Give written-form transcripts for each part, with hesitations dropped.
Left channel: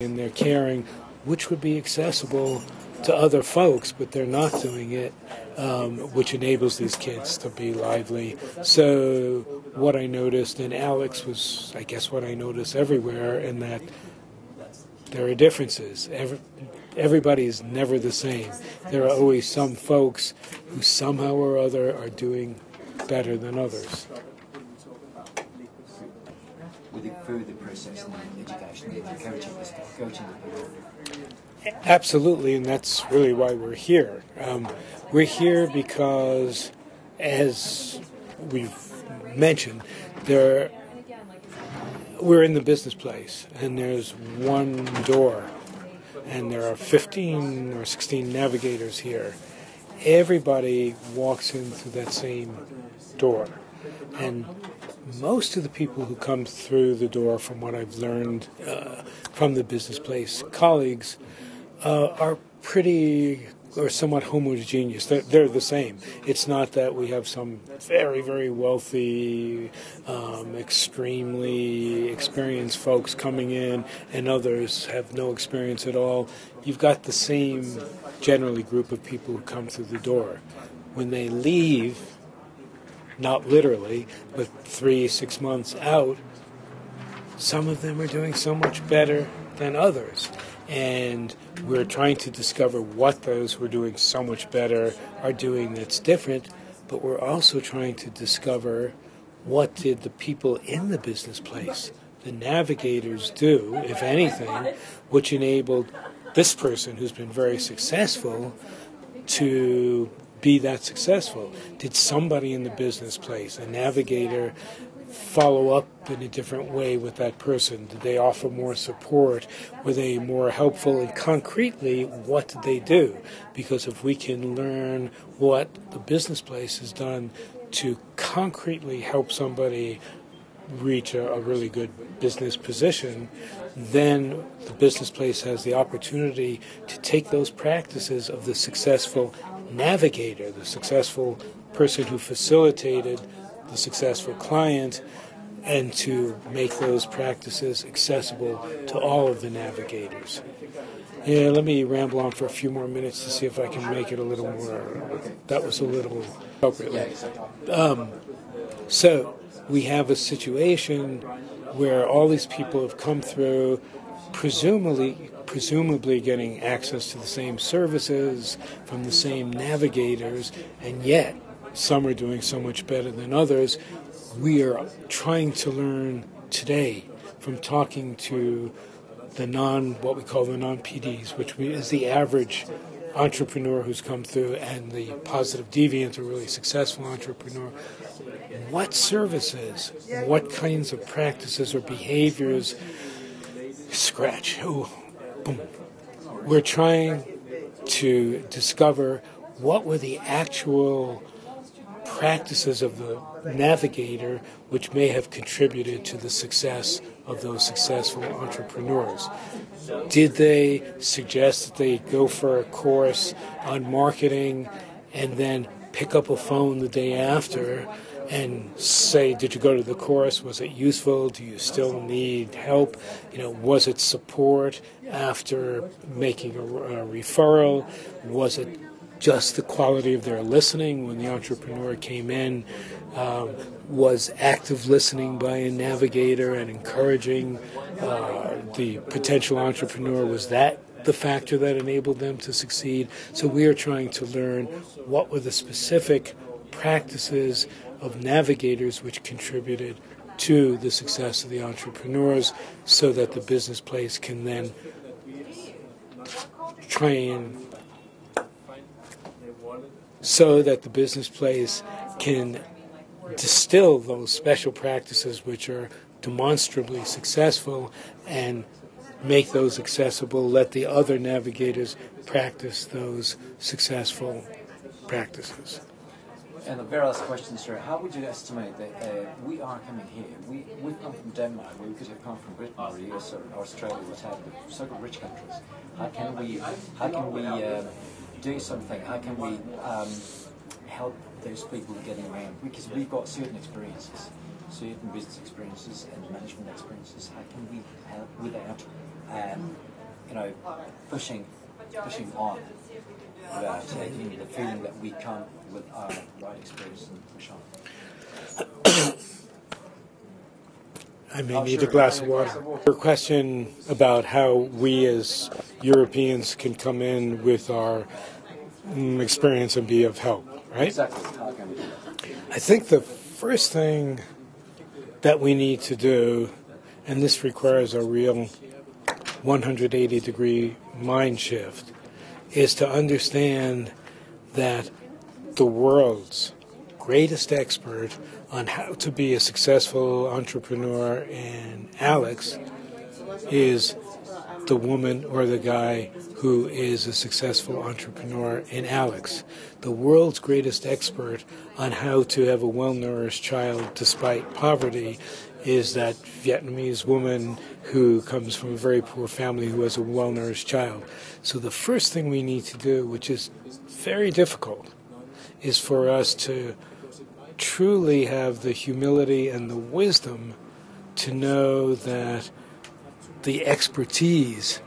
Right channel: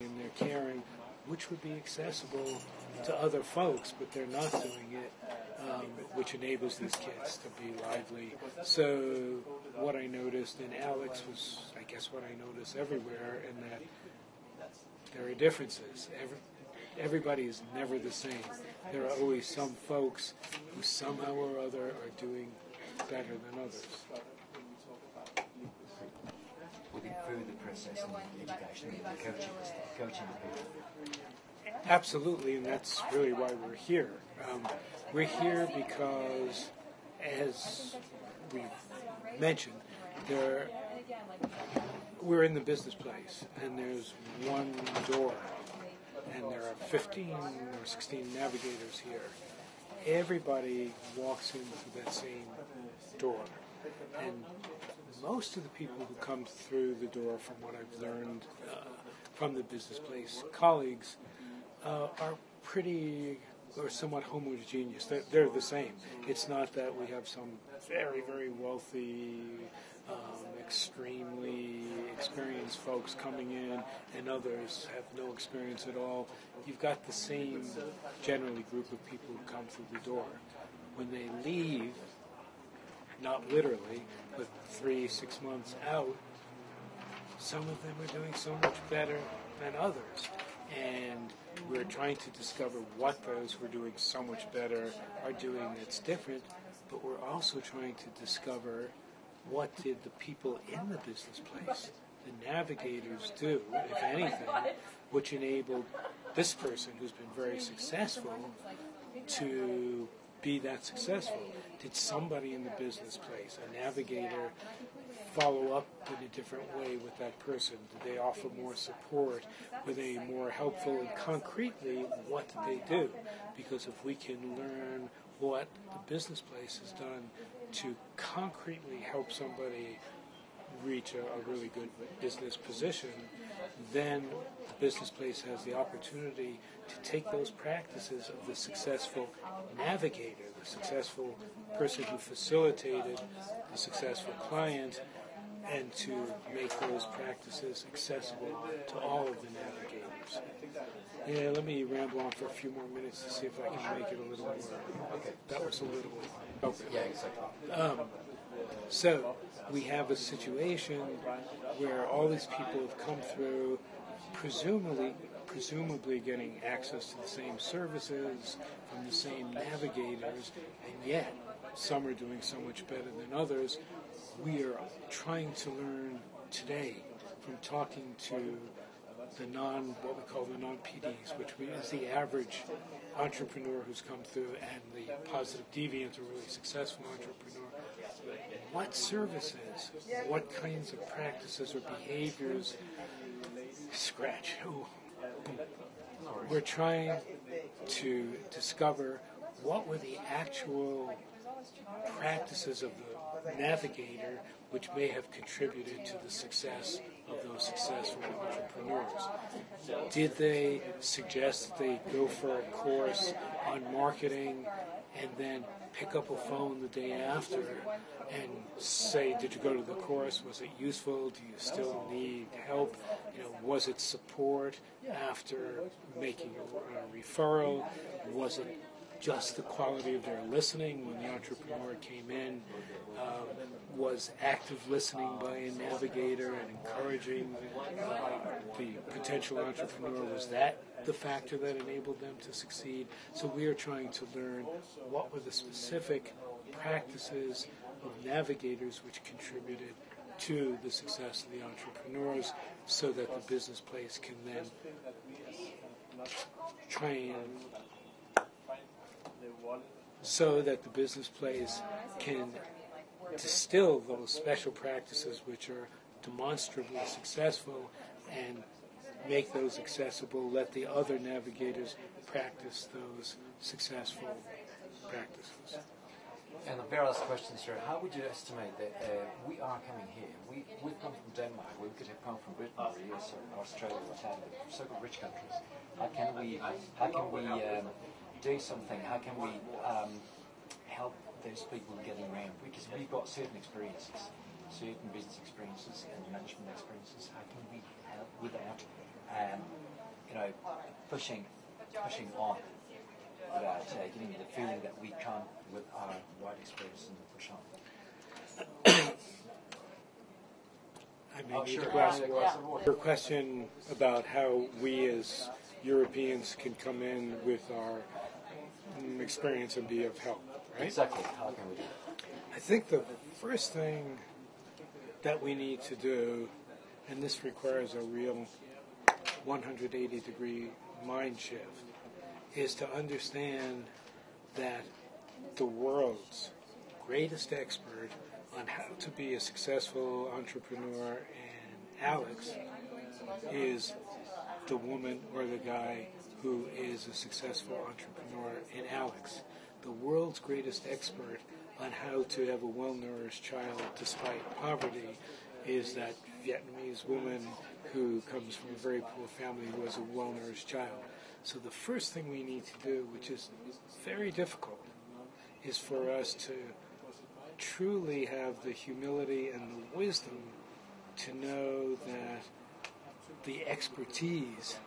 and they're caring, which would be accessible to other folks, but they're not doing it, which enables these kids to be lively. So what I noticed, and Alex was, I guess, what I noticed everywhere, in that there are differences. Everybody's never the same. There are always some folks who somehow or other are doing better than others. With the further process in education, encouraging the staff, coaching the people. Absolutely, and that's really why we're here. We're here because, as we've mentioned, we're in the business place, and there's one door, and there are 15 or 16 navigators here. Everybody walks in through that same door, and most of the people who come through the door, from what I've learned from the business place colleagues, are pretty or somewhat homogeneous. They're the same. It's not that we have some very, very wealthy, extremely experienced folks coming in and others have no experience at all. You've got the same, generally, group of people who come through the door. When they leave, not literally, but 3-6 months out, some of them are doing so much better than others. And we're trying to discover what those who are doing so much better are doing that's different, but we're also trying to discover what did the people in the business place, the navigators, do, if anything, which enabled this person who's been very successful to be that successful. Did somebody in the business place, a navigator, follow up in a different way with that person? Did they offer more support? Were they more helpful? And concretely, what did they do? Because if we can learn what the business place has done to concretely help somebody reach a really good business position, then the business place has the opportunity to take those practices of the successful navigator, the successful person who facilitated the successful client, and to make those practices accessible to all of the navigators. Yeah, let me ramble on for a few more minutes to see if I can make it a little more. That was a little appropriately. So we have a situation where all these people have come through, presumably getting access to the same services from the same navigators, and yet some are doing so much better than others. We are trying to learn today from talking to what we call the non-PDs, which is the average entrepreneur who's come through, and the positive deviant, a really successful entrepreneur. What services, what kinds of practices or behaviors, boom. We're trying to discover what were the actual practices of the navigator which may have contributed to the success of those successful entrepreneurs. Did they suggest that they go for a course on marketing and then pick up a phone the day after and say, did you go to the course? Was it useful? Do you still need help? Was it support after making a referral? Was it just the quality of their listening when the entrepreneur came in? Was active listening by a navigator and encouraging the potential entrepreneur, was that the factor that enabled them to succeed? So we are trying to learn what were the specific practices of navigators which contributed to the success of the entrepreneurs, so that the business place can then distill those special practices which are demonstrably successful and make those accessible, let the other navigators practice those successful practices. And the very last question, sir, how would you estimate that we are coming here? We've come from Denmark, we could have come from Britain or US or Australia, what have you, so rich countries. How can we do something? How can we help those people getting around? Because we've got certain experiences, certain business experiences and management experiences. How can we help without pushing on that, the feeling that we come with our right experience and push on. I may need a glass of water. Your question about how we as Europeans can come in with our experience and be of help, right? Exactly. How can we do that? I think the first thing that we need to do, and this requires a real 180-degree mind shift, is to understand that the world's greatest expert on how to be a successful entrepreneur in Alex is the woman or the guy who is a successful entrepreneur in Alex. The world's greatest expert on how to have a well-nourished child despite poverty is that Vietnamese woman who comes from a very poor family who has a well-nourished child. So the first thing we need to do, which is very difficult, is for us to truly have the humility and the wisdom to know that the expertise,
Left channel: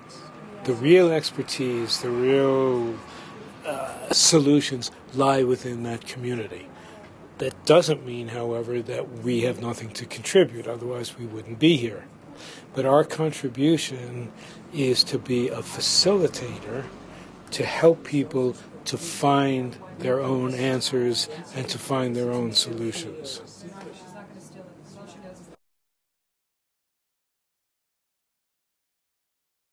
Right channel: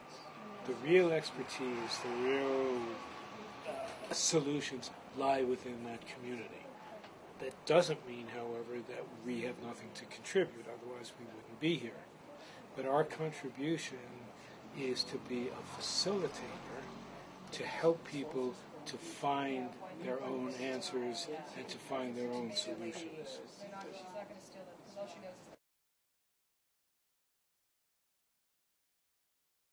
the real expertise, the real solutions lie within that community. That doesn't mean, however, that we have nothing to contribute, otherwise we wouldn't be here. But our contribution is to be a facilitator to help people to find their own answers and to find their own solutions.